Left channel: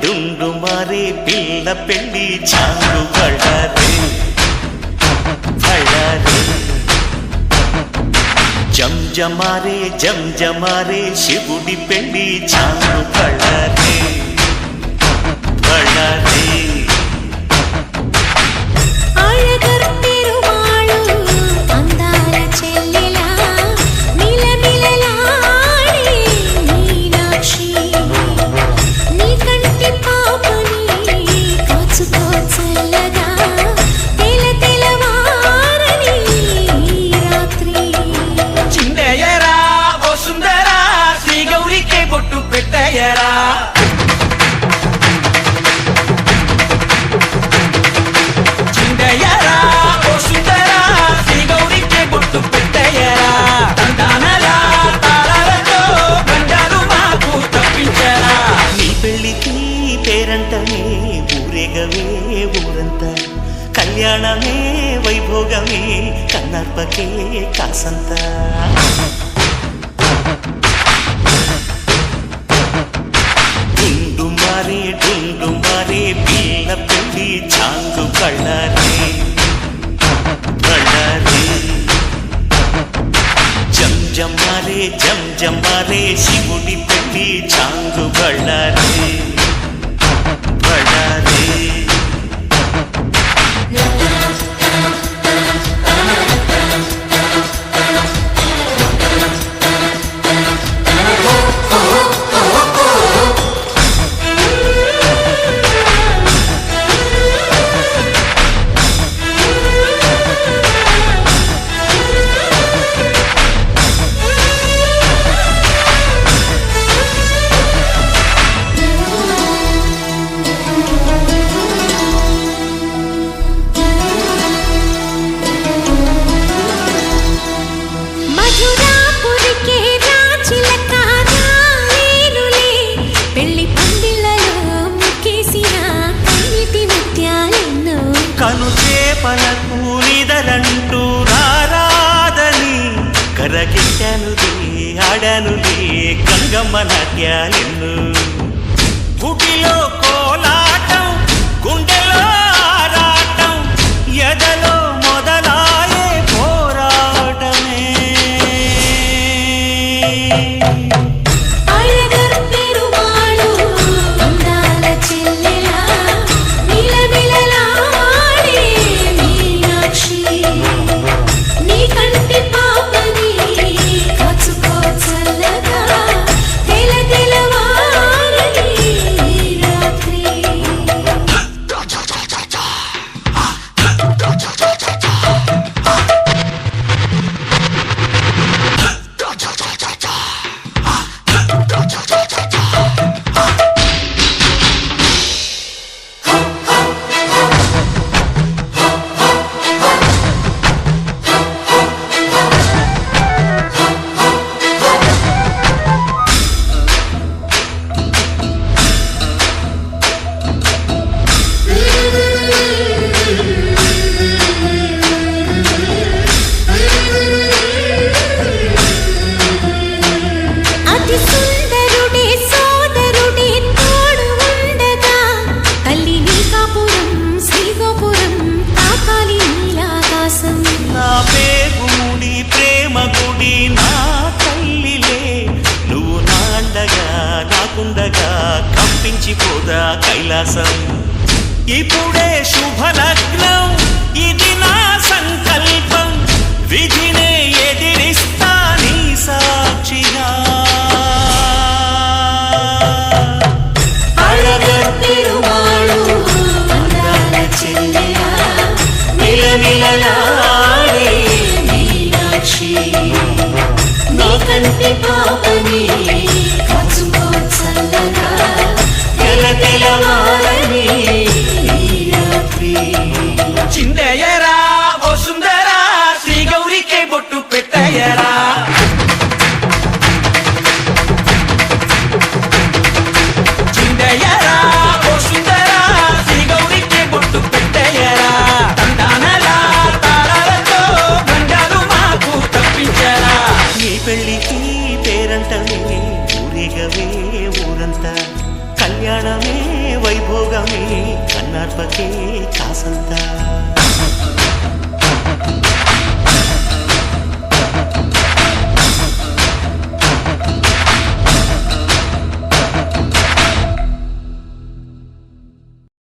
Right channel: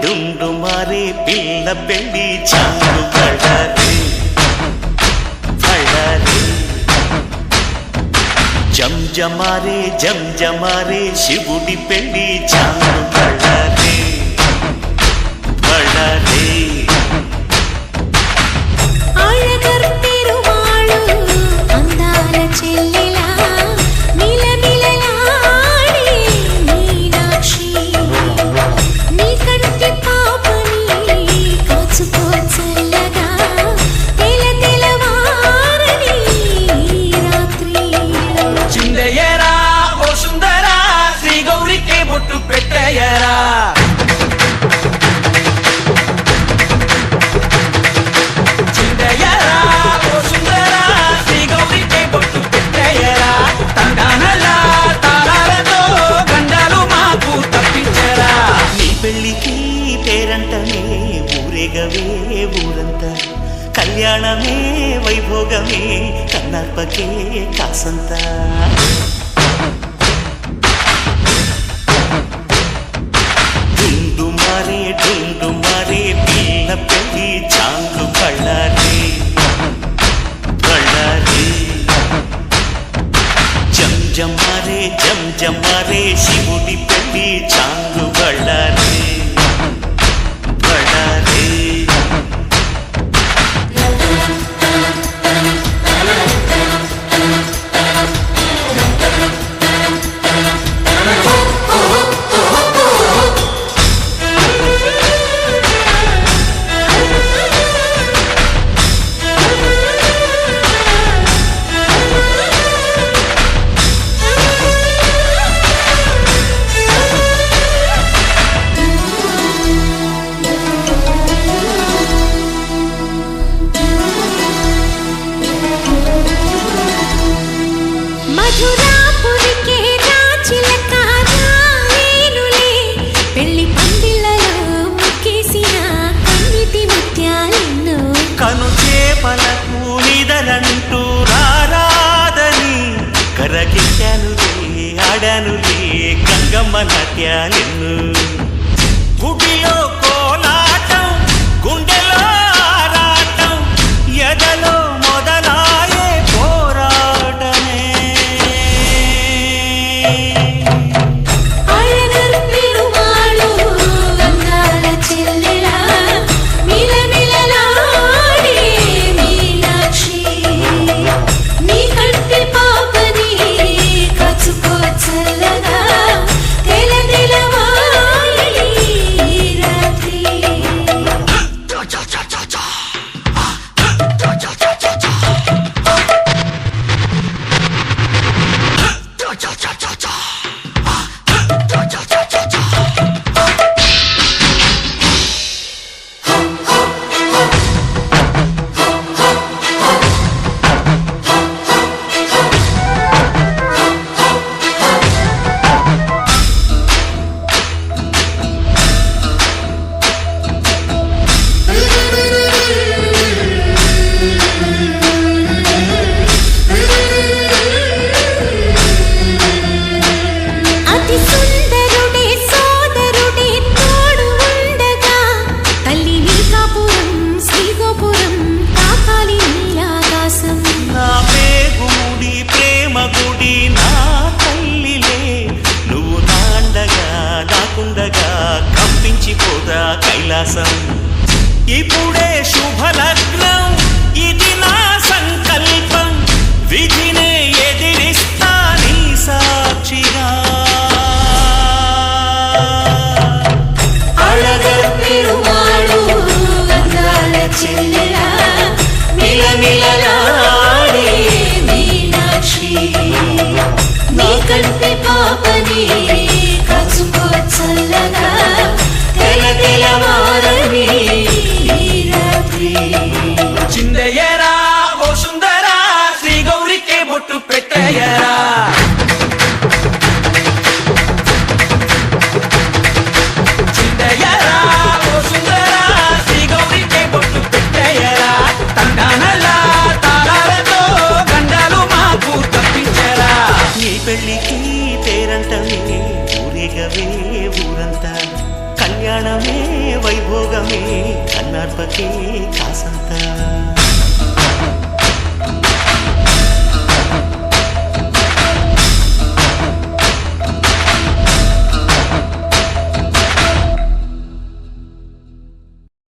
డుండు మారే పిల్ల పెళ్ళి చాంగు బళ్ళారే బళ్ళారే జంజమారే జంజమారే శివుడి పెళ్ళి చాంగు బళ్ళారే బళ్ళారే అళగర్ పెరుమాళు అందాల చెల్లెలా మిలమిలలాడే మీనాక్షి నీ కంటి పాపని కాచుకో చల్లగా తెల తెలవారని రాత్రి చిందయ్యరా ఓ సుందరా శ్రీ గౌరికి బొట్టు పెట్టయ్యరా పెళ్ళికి పేరంటమే ఊరేగవే ఊరంతా కళ్యాణమే వైభోగమే కన్నార్పకే కాసంతా డుండు మారే పిల్ల పెళ్ళి చాంగు బళ్ళారే బళ్ళారే జంజమారే జంజమారే శివుడి పెళ్ళి చాంగు బళ్ళారే బళ్ళారే మధురాపురికే రాచిలక రాలేనులే పెళ్లి పందిళ్ళలో ముక్కేసిన కన్నిటి ముత్యాలెన్నో కను చేపలకు నిదరంటూ రారాదని కరగిట్టానులే ఆడానులే గంగమ్మ నాట్యాలెన్ను గుడిలో కోలాటం గుండెలో ఆరాటం ఎదలో మొదలాయే పోరాటమే అళగర్ పెరుమాళు అందాల చెల్లెలా మిలమిలలాడే మీనాక్షి నీ కంటి పాపని కాచుకో చల్లగా తెల తెలవారని రాత్రి అతి సుందరుడే సోదరుడే తోడు ఉండగా తల్లి నీ కాపురం శ్రీగోపురం తాకాలి నీలాకాశం నా పేగుముడి ప్రేమ గుడి నా తల్లిలే నువ్వు నాండగా నాకుండగా కంపించిపోదా కైలాసం ఇప్పుడే శుభలగ్నం ఇది నా సంకల్పం విధినే ఎదిరిస్తా నీ సాక్షిగా అళగర్ పెరుమాళు అందాల చెల్లెలా మిలమిలలాడే మీనాక్షి నా కంటి పాపని కాచుకో చల్లగా తెల తెలవారని రాత్రి చిందయ్యరా ఓ సుందరా శ్రీ గౌరికి బొట్టు పెట్టయ్యరా చిందయ్యరా ఓ సుందరా శ్రీ గౌరికి బొట్టు పెట్టయ్యరా తండానలా తాళాలతో గండాలు మాకు తప్పించరా నీ పెళ్ళికి పేరంటమే ఊరేగవే ఊరంతా కళ్యాణమే వైభోగమే కన్నార్పకే కాసంత